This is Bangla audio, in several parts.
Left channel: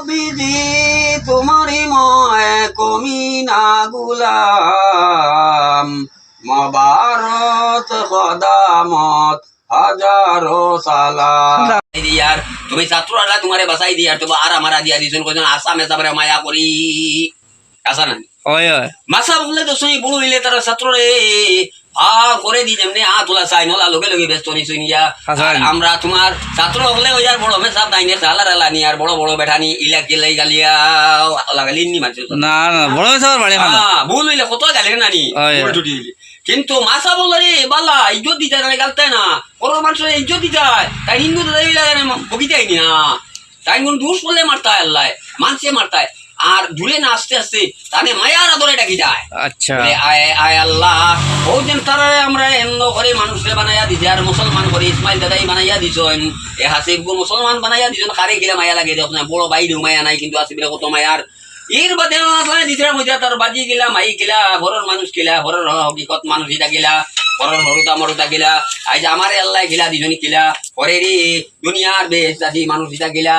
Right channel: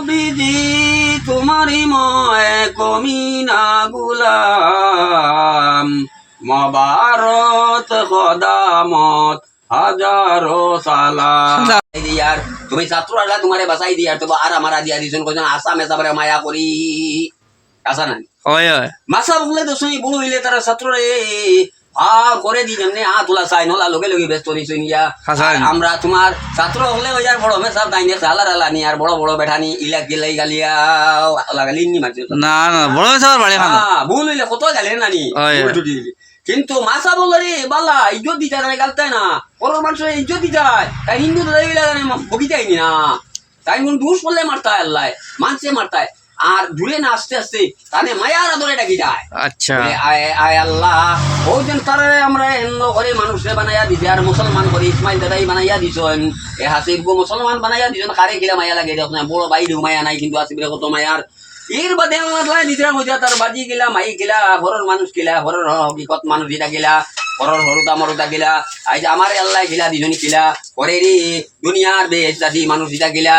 বিধি তোমারি ময় কমিনা গুলাম। মবারত খদামত হাজারো সালাম। দিয়ার তুমি ছাত্ররা তোমারে বাসাই দিয়ার তো আর আমার দিয়া দিছুন কজন আসাম এসাবরে মায়া করি। আসা না? মাসা বললে তো শুনি বড় হইলে তারা ছাত্ররে আর করে দি যেমনি আ তোলা চাই নলা লগে লগে ব্যস্ত নি শুনিয়া হাসান। আর আমরা তোমার ছাত্র হলে ওই আর বড় মেসাব দাইনে সালা রালা নি আর বড় বড় বেঠানি ইলা গেলাই গালিয়া লাগালি নি মানছে না না বড় সবার বাড়ি খানো হ্যাঁ ভুল হইলে কত গালে নানি দিলে। কিন্তু মাসা বললে রে বালা ইজ্জত দিতে না গালতায় না। বড় মানুষের ইজ্জত দিতে তাই হিন্দু তো দাবি লাগে না বকিতাই না। তাই কোন দুষ করলে মারতায় আল্লাহ মানছে মারতায়। আর দূরে না আস্তে আস্তে তাহলে মায়ার আদরে ডাকি যায়। আচ্ছা। আয় আয় আল্লাহ ও যেন তারা আমরা এন্ন করে মানুষে বানাইয়া দিছে আর মুসলমান করে ইসমাইল দাদাই বানাইয়া দিছেন। এ হাসিব গো মুসলমান বানাইয়া দিছেন কারে গিলা মায়া লাগে দেখ না বড় বাইরেও মায়া নাই কিন্তু আসিবলে কত মায়ার। এর বাদে দিতে মধ্যে তার বাজি গিলা মাই গিলা ঘরের মানুষ গিলা ঘরের হকিকত মানুষ এটা গিলা ঘরের হরুতা মরুতা গিলা আজ আমার আল্লাহ গিলা দুজনী গিলা ঘরে রে দুনিয়ার বেশ দাদি মানুষ এটা গিলা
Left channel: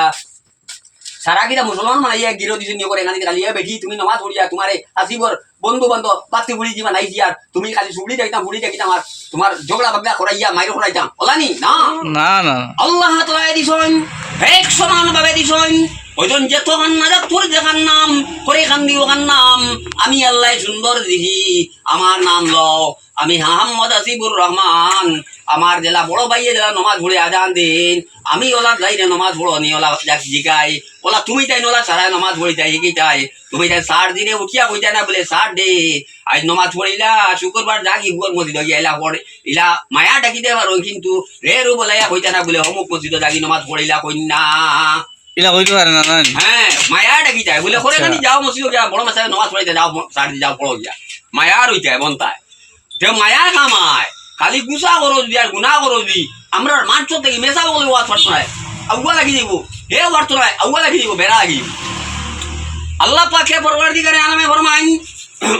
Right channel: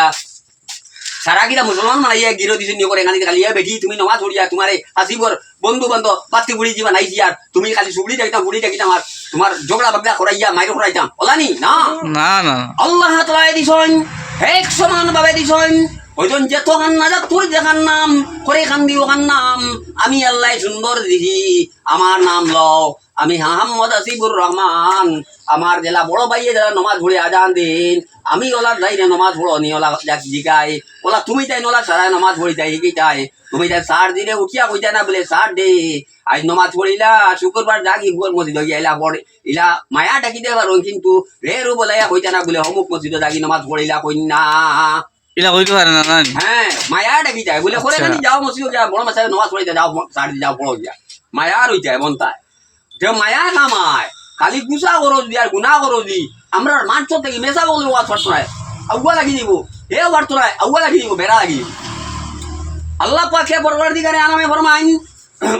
সারা গিরা মুসলমান ইয়ে গিরো দিছে নিয়ে করে এখানে কালিয়া বেঠি তুমি নমাজ পড়িয়া তোমারে আসিবর বন্ধু বান্ধব পাতি বুড়ি যা নাই আর তুমি খালি সুবড়ি দেখিতাম বুড়ি দেখিতাম আর তোমার ঝগড়া বাগড়া করাইয়া মাইর করাইতাম ওলানি না? না না আল্লাহ তাআলা দিছন এক সমান ভাবে দিছন। ওইজন যেত কান্না যাক তোর দেখার নাম করে কান্দি ওখান নাম আমি আল্লাহ সুন্দর দেখি আমার নাম লও। আমি হাহাম্মদ আসিবুর রহমান, আমার জেলা বড় ভাইয়ে জেলা নমাজ ভরে আজান দিন। আমি ওলা যাই না নমাজ ভরো নি ওলা জিগাই। ওলা তুমি তাই নলা সারাই নমাজ ভরি তাই কি তাই। তুমি তাই সার দিনে উঠিয়া কইতা না বলে সার দে। আজ নমাজ পড়িলা, শুক্রবার জাগি হুয়ার মসজিদ গিয়া ইলা পড়ে ইলা মায়া ডাকি দে পারো, কিন্তু রে রু বলাইয়া কইতা না বলে অমুক মসজিদ জাগি নমাজ পড়িলা কই না এলা কইতে পারে না না হ্যাঁ মায়া ডাকি যায়। বলে করে আচ্ছা। যাও গিয়া বড় যাও সার যাও পড়ো মায়া বন্তায় যে মায়া কামায় খালি গুসা করো দি আর গুনা করো দি আমরা থেকে মেসা বলে শোনায় আগুয়া লাগি দিব হে ওয়ার তোরায় আগুয়া লাগি দিব বেড়া লাগি আল্লাহ পাকে পরবর্তীকারে আনামে ফরমাইন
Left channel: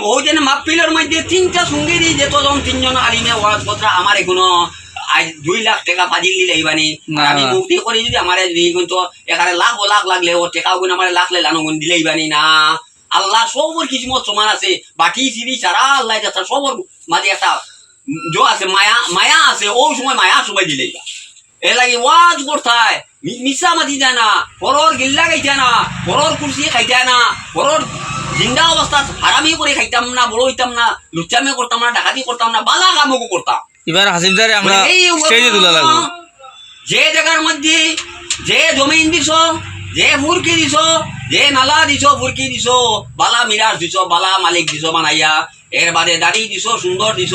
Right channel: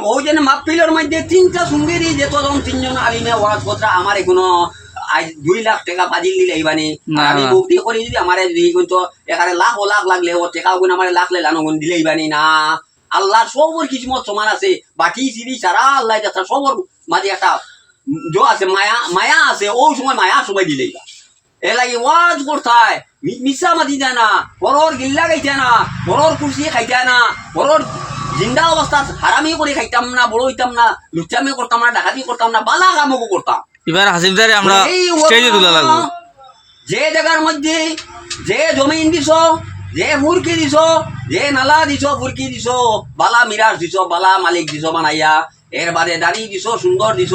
ও যেন মাহফিলের মধ্যে তিনটা সুন্দরী যে তজন তিনজন আলিমে ওয়াজ কথা আমার এখনও আজ দুই লাখ টাকা ফাজিল দিলে এইবানি না, আমি মুক্তি করি যদি আমার যদি কিন্তু এখানে লাখ ও লাখ লাগলে ও টাকা গুণ আমার লাখ লে লানো গুণ দিলে এইবানি না। আল্লাহ সবর কিসমত সমান আছে। বাকি সিরি সারা আল্লাহ সবর মাঝে একটা জো আছে মায়া মায়া আছে ওই সময় মায়া সময় দিলেই বা এ লাগে ওয়াজ করতায় মিশা মাতি যায় না। পরর গিল্লা খাইতে না। পরর কুর্সি খাইতে না। পরর জিন্দা অবস্থা হারামি করে খাইতাম না বড় হইতাম না লুচামি করতাম না ডাকাতি করতাম না বালা কামও করতাম। এবার হাসিবদারে আমরা স্টেজে তোলা লাগবো যে জায়গার মধ্যে যে জমিন দিছ যে ফুরকি দিছ যে নালা দিছ ফুরকি দিছ বালা মিরাজ দিছ বালা মালিক দিছ বানাইয়া এর বাদে দাড়ি দিছ সুন্দর দিছ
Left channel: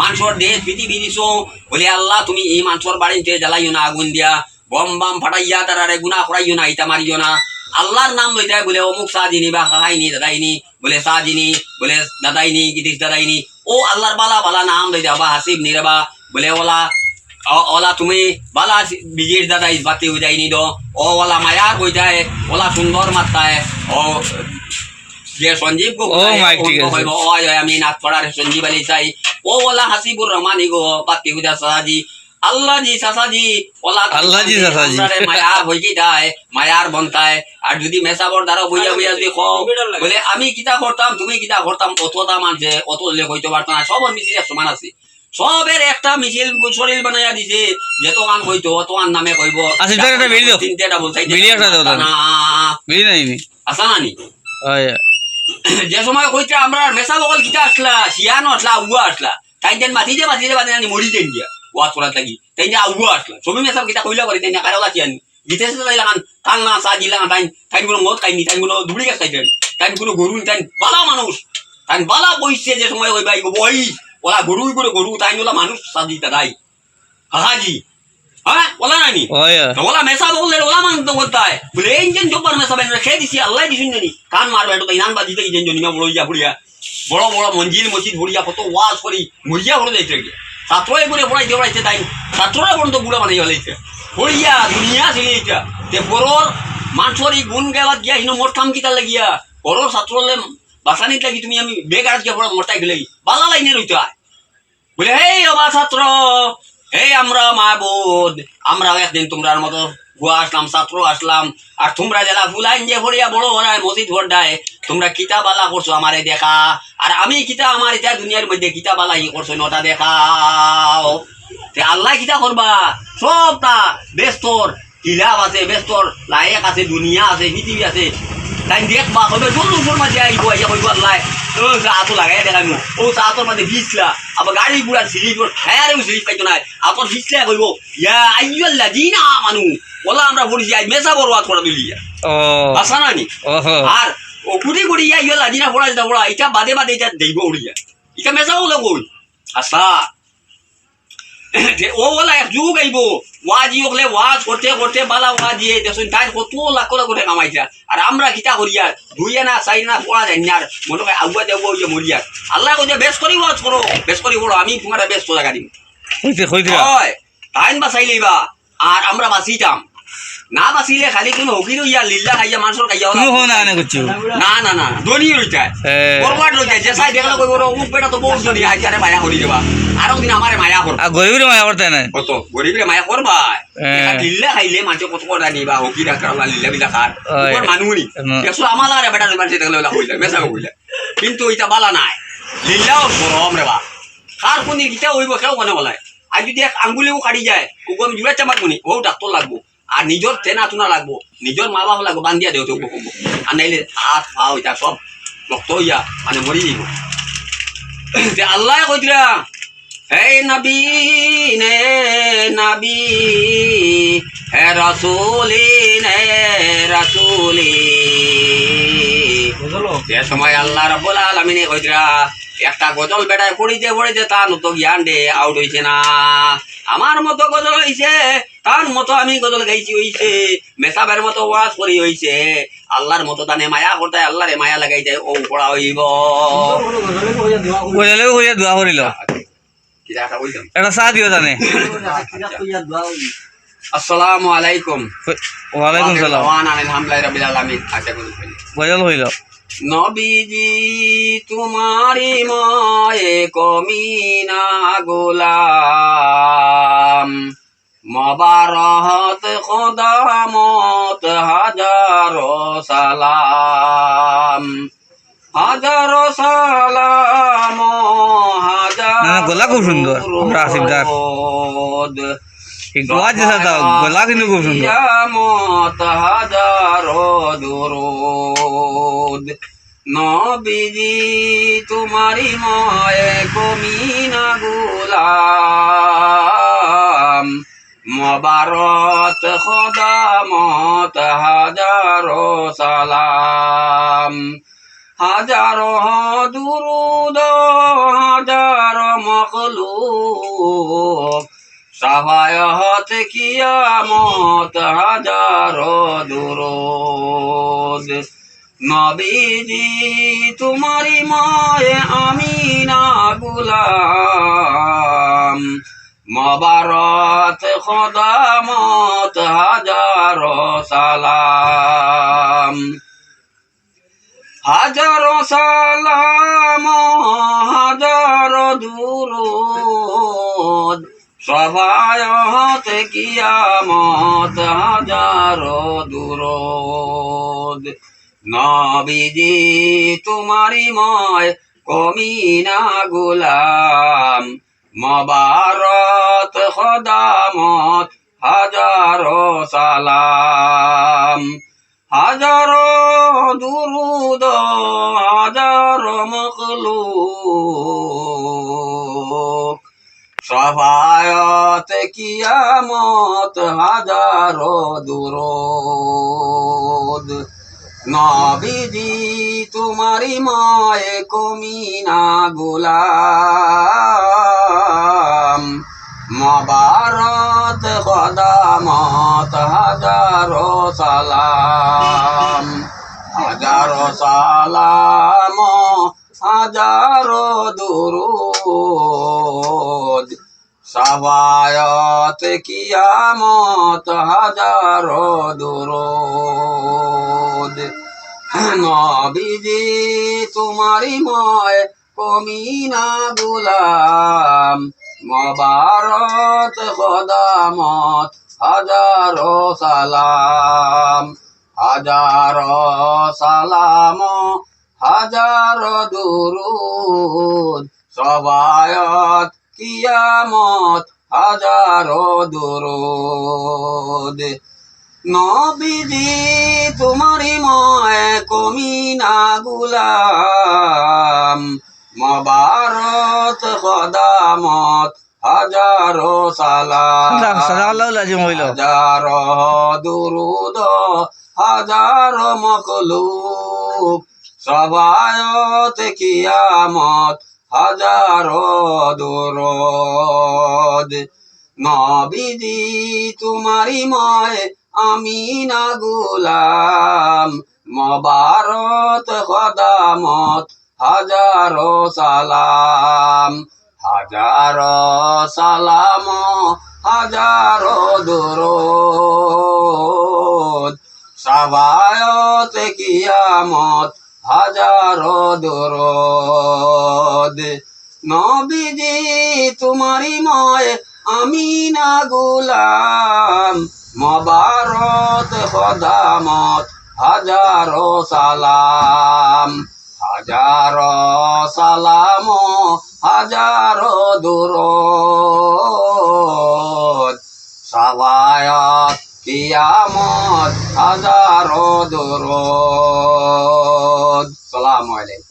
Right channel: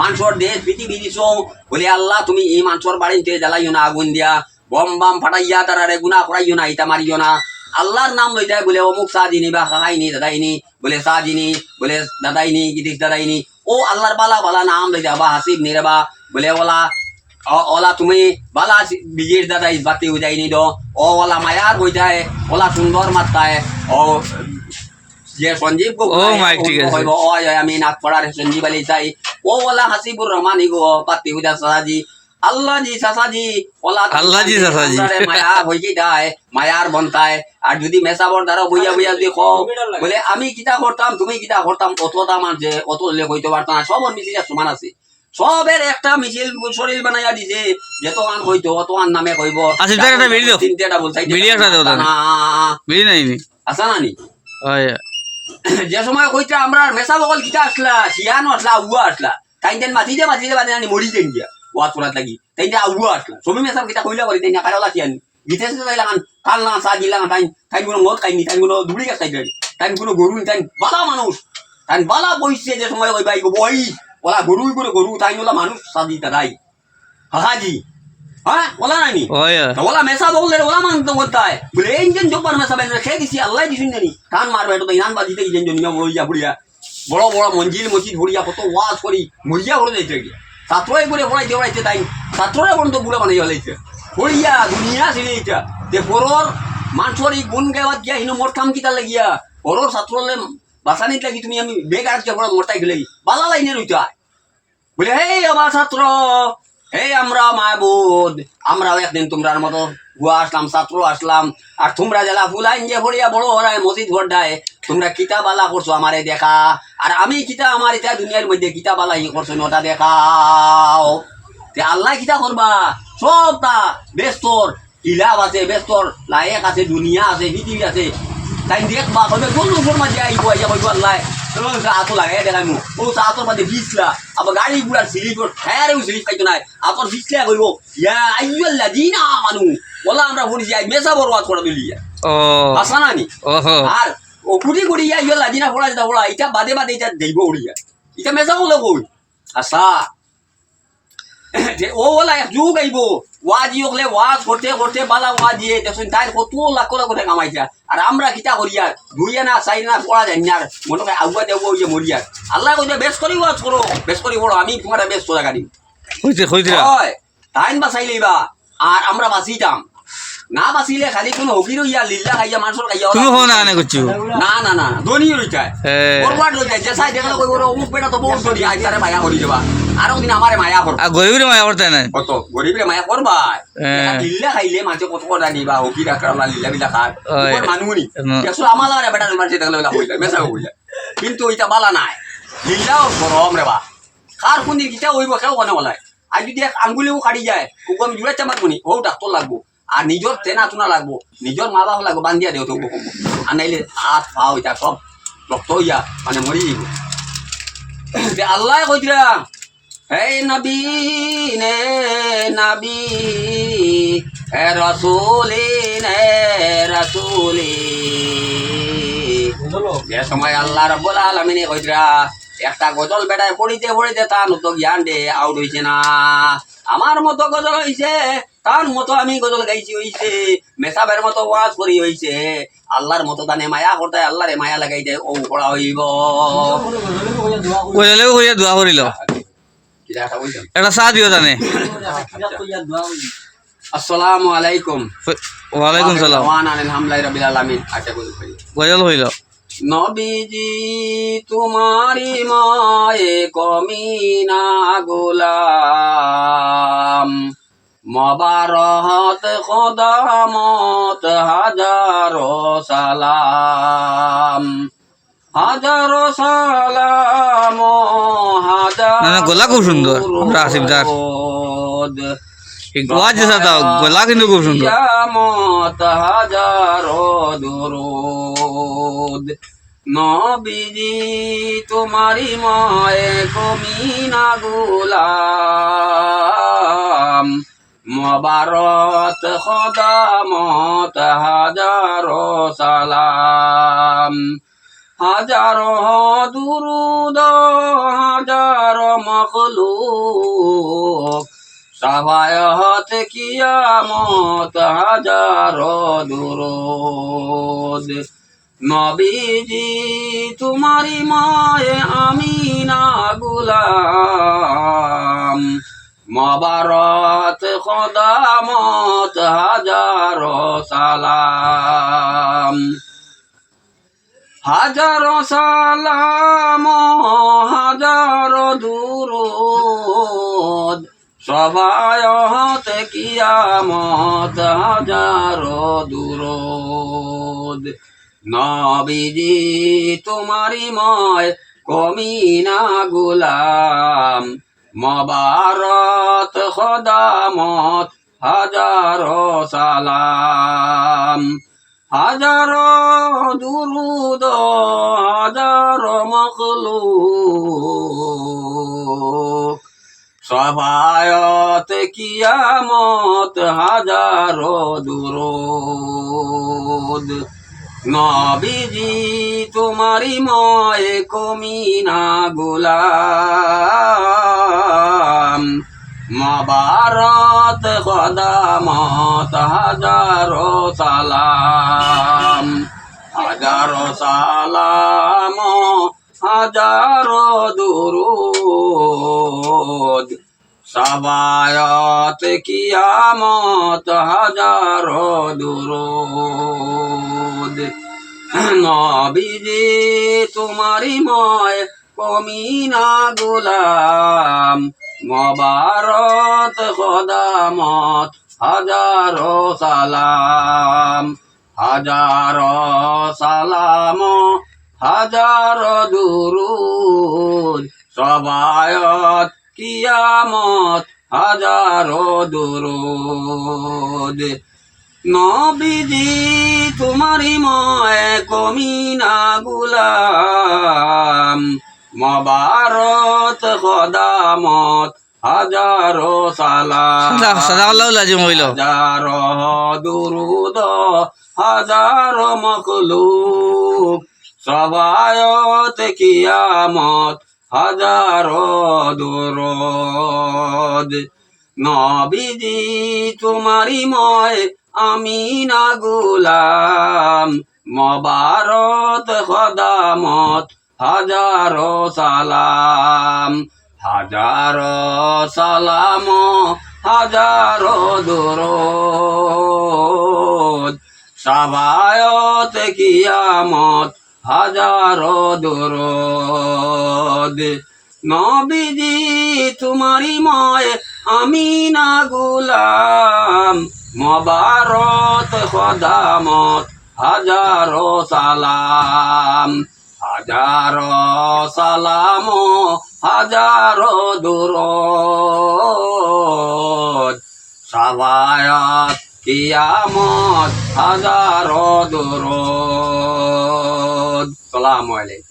মাংসর দেশ পৃথিবী দিছ। বলে আল্লাহ তুমি এই মাংসর বাড়িতে জ্বালাইও না আগুন দিয়া। বম বাম ফাটাইয়া তারারে গুণা করাইও না ইটা মারিও না। আল্লাহর নাম লই যায় বলে অমুক সাজিনি বা খাইনি দাদাইনি। বলে সাজিনি বলে দাদাইনি গিদিস দাদাইনি। ও আল্লাহর বালা বালা নাম লই যাও বা হাসিব নিরেবা বলে ওলা অ- ওলা তুমি বালা বিজির দাদা ইস বাতি হয়ে যায়নি দো ও ওলা মায়ার হয়ে যায় ওলা সুন্দর মাত্রায় ও যে সঞ্জীব গো ও, মাইক ঠিক আছে। কইব, ও জয় আমি নাথ পড়ার সঞ্জীব আলী চাই ও ওলা হাসিবুর রহমান গো বাতি হয়ে যায় সাসাজি আল্লাহ জি সাসাজি ওলা আল্লাহ জি সাসাজি। আপনারে মায়া কি মায়ার বন্তায়। আর যদি মেসাবর দ্বারা বইয়া বইয়া যদি কও বলে আমি কিতা করতাম তুমি কিতা করতাম অতটা মানছে অত লে হইতে পারতাম না। সব মিছিল সমান আছে। সবের একটা মিছিল শরীর বানাইয়া দিছে যেত আন হইতো অত আন নামে কইব। আচ্ছা, দাও। তিনটে দাও না নাই নি? আসা না নি? যে সময় কইতে আমরা মেসা বকল কিতা আসলা শিয়ানো আসলা আউয়া আসলা। তাই দেন মাতিতে মাতিতে বাদে আনি মরি দেন দিয়া ওয়াত পড়া লাগি। তাই না আউয়া আসলা সবই মেসা কিতা কইলা করি তাই না কারালা কিয়ানি গিতে সে তাই লাগান কান না সা জিলা তাই তাই কোনো মদ খাইনি তাই কোনো দুবড়ি গাছ খাইতে তাই কোনো গরু তাই বালা মানুষ তাই বালা বইছে যে সময় কইবা ইগো বই ওলা গরু করে গরু তাই ওলা মানুষ সাজি তাই। হাহাজি হ্যাঁ ওলা নাইনি ওলা মেসা বললে ওলা মান তো বলতায় বলে ইঞ্জিন জব্বার মেসা বেন খেয়ে দিছি আল্লাহ দিছুন জানি। কান মারবে তো ইনান বাজি থেকে ইঞ্জিন জনি বড় ইয়া বুড়িয়া বড় বড় মঞ্জিল মসজিদ ভরিয়া কত ওয়াজ করি মরিয়া ভরে যাইতে গিয়ে ছাত্রই করে পড়াই দেওয়াইছে তাই ছাত্ররা পর্যন্ত বুড়া বানাই হলাইছে পড়িয়া দুনিয়া ছিল এইটা তে পরর মানুষের এই গুণ গেলাত গিয়া হিনো মোট কাম কিতা লাগিয়া। পরর ছাত্রলে বাসানিত লাগি তুমি আমি বেগার গিয়া পড়া মোটাই গেলে বালা লাইনে রইতে বলে, হে অবা ছাত্র এই আমরা মাহবুদ আমরাও একদিন তোমরার মতো গুয়া আসলাম, ছাত্র আসলাম। আর তোমরা যারা ফুলাইন যে ফরিয়া বড় হরায়, মসজিদ ভরডায় তোমরা কিতাবালা করছ আমারে দেখা। আর আমি কিতা আমার এটা দুনিয়ার মধ্যে কিতাবালা ই করছ নটা দেখাও। তে আল্লাহ কিতা করবা সব তা ব্যস্তর আছে ব্যস্তর লায়েক আছে দুনিয়া আছে পৃথিবী আছে। তাই দেখবা কইবে জল আইব আইয়া কইব আল্লাহ লাগাই দেখাইমু ও চাটোর মাঝে ভিজলা। আবার গাড়ি গুড়ার সিলিপ হ্যাঁ সিলিপ পাইতো নাই। আতর ভিজলা কইব ইয়া আইয়াল্লা দিনা মানু ওলা আমরা পড়িছি আজ মেসা বরবাদ করে দিলি ও আসা না নি? আর কুটি কুটি ইয়া ইয়া লাদিনা পড়া যেটা পড়া এটা বাদে বাদে এটা দেইব উড়িয়া এটা মেসা বলে কই? আসা ও ওলা যুগ আইব ওয়াজি ওকলে ওয়াজ করতে করতে বালা ওয়াজি দেখুন তাই কত লাখ লাখ করে কামাইছা আর আমরা কিতা করিয়া দুইয়া না চাই না পড়া যায় না মনে হয় আগুয়া দেব ইয়ে মরিয়া আল্লাহ কইছে বেশ করি ওয়াজ করো বেশ করি বড় আমি তোমার বেশ হইতে হইতে হয়। টাইম বাঁচাইলেই বা আর আমরা বাঁচিতাম। না বাঁচিলে খালি কোনো হকির ইয়া লিল্লা খাইয়া মানুষের খাইয়া ওলা- তুমি হো না আনে করছ না না না। ধনী রইতায় বরবাদ রইতায় যে চাই দেখলে কইব উপ বেটা তো বহুত ধনী আইতারে মায়া করি দেবা। আর দিন আমারে মায়া করবা। আর গরিবের মায়া করতে নাই? কত? গরিবরে মায়া করবা। লিল্লা খাইলে মানুষ কত কথা নিবা হকি ডাক্তার লিল্লা বিলা খার হয়। উপর মানুষ নি। ন- দেখছ আমার আর বেটা মানুষ দেখলে কইলা মেসা কইলা। কিন্তু এটা বালা নাই। লিল্লাও গরম রে বা। কার কোন কিটা হইব কেউ মনে বলায়। আর যদি এক আঙ্গুলিও কাটি যায় ওকে আমি জুড়ে চামাত মনি ও ডাক্তার লাগবো। আর নিজর তেনা তুনা লাগবো নিজর মা বাবা লাগবো বান্ধিয়া দেও তো কব আর নাইলে হাত পা ওইটা সব রক্ত হইয়া মানে মরি যাব আল্লাহ কইতরা হে নবী নে নবী হে রসুলি নে রসুলি। যে সময় আল্লাহ রব্বুল আলামিনে কইতরা একটা গজল বেড়ায় পড়িতে পড়িতে তার মতো জ্ঞান দে আউট হইছে না। আমার মতো গজল হইছে তার মতো আমি গজল গাইছি হইছে মেসাবের মতো ওয়াজ করি হইছে। আল্লাহর মতো তানে মায়া করতে আল্লাহরে মায়া লাগাইতে ও পড়া হইব। কইলে কইয়া দোয়া করিল। কিরা এটা চা দিও জানে আসসালামু আলাইকুম। ওয়ালাইকুম সালাম। ওয়ান আলহামদুলিল্লাহ রাব্বিল আলামিন। আচ্ছা গজল হইল। নবীজি তোমারি মায়ে কমিনা গোলাম মবারহত খদামত হাজার সালাম হাজার সালাম হাজার না, খুব সুন্দর। দরুদ। এই ওয়াজ যেটা দাও গলা কিন্তু খুব সুন্দর। নবীজি তোমারি মায়ে কমিনা গুলাম। মবারত খদামত হাজারো সালাম। হাজারো দুরুদ, হাজারো মখলুক। সাবায়ত কিয়ামত হাজারো দুরুদ নবীজি তোমারি মায়ে আমিনা গুলাম। মবারত খদামত হাজারো সালাম। হাজারো সালাম দুরুদ সবায়ত কিয়ামত হাজারো দুরুদ। নবীজি তোমারি ময় কমিনা গুলাম। মবারত খদামত হাজারো সালাম। হাজারো দুরুদ, হাজারো মখলুক সবায়ত কিয়ামত হাজারো দুরুদ। নবীজি তোমারি মায়ে কমিনা গুলাম। মবারত খদামত হাজারো সালাম। হাজারো সালাম, হাজারো দুরুদ। সবায়ত কিয়ামত হাজারো দুরুদ। নবীজি তোমারি ময় কমিনা গুলাম। মবারত খদামত হাজারো সালাম। হাজারো সালাম, হাজারো দুরুদ। সবায়ত কিয়ামত হাজারো দুরুদ। নবীজি তোমারি ময় কমিনা গুলাম। মবারত খদামত হাজারো সালাম। হাজার দুরুদ হাজার মখলুক। সবায়ত কিয়ামত হাজার দুরুদ। নবীজি তোমারি ময় আমি না গুলাম। মবারত খদামত, হাজার সালাম। হাজার সালাম, হাজার দুরুদ। সাবায়ত কিয়ামত হাজার দুরুদ। নবীজি তোমারি ময় আমি না গুলাম। মবারত খদামত, হাজার সালাম। হাজার সালাম হাজার দুরুদ। সাবায়াত কিয়ামত, হাজার দুরুদ। সালাম আলাইকুম